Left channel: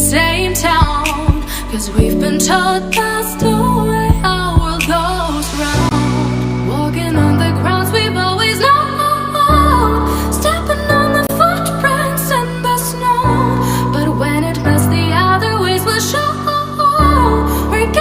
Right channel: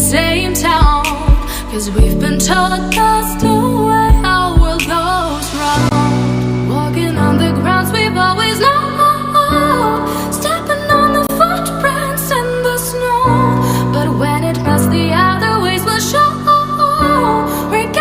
same town. Cause we've been told that's the way our world goes round. Walking on the grounds we've always known, stepping on the footprints in the snow. But when it melts, the other ways will show. We're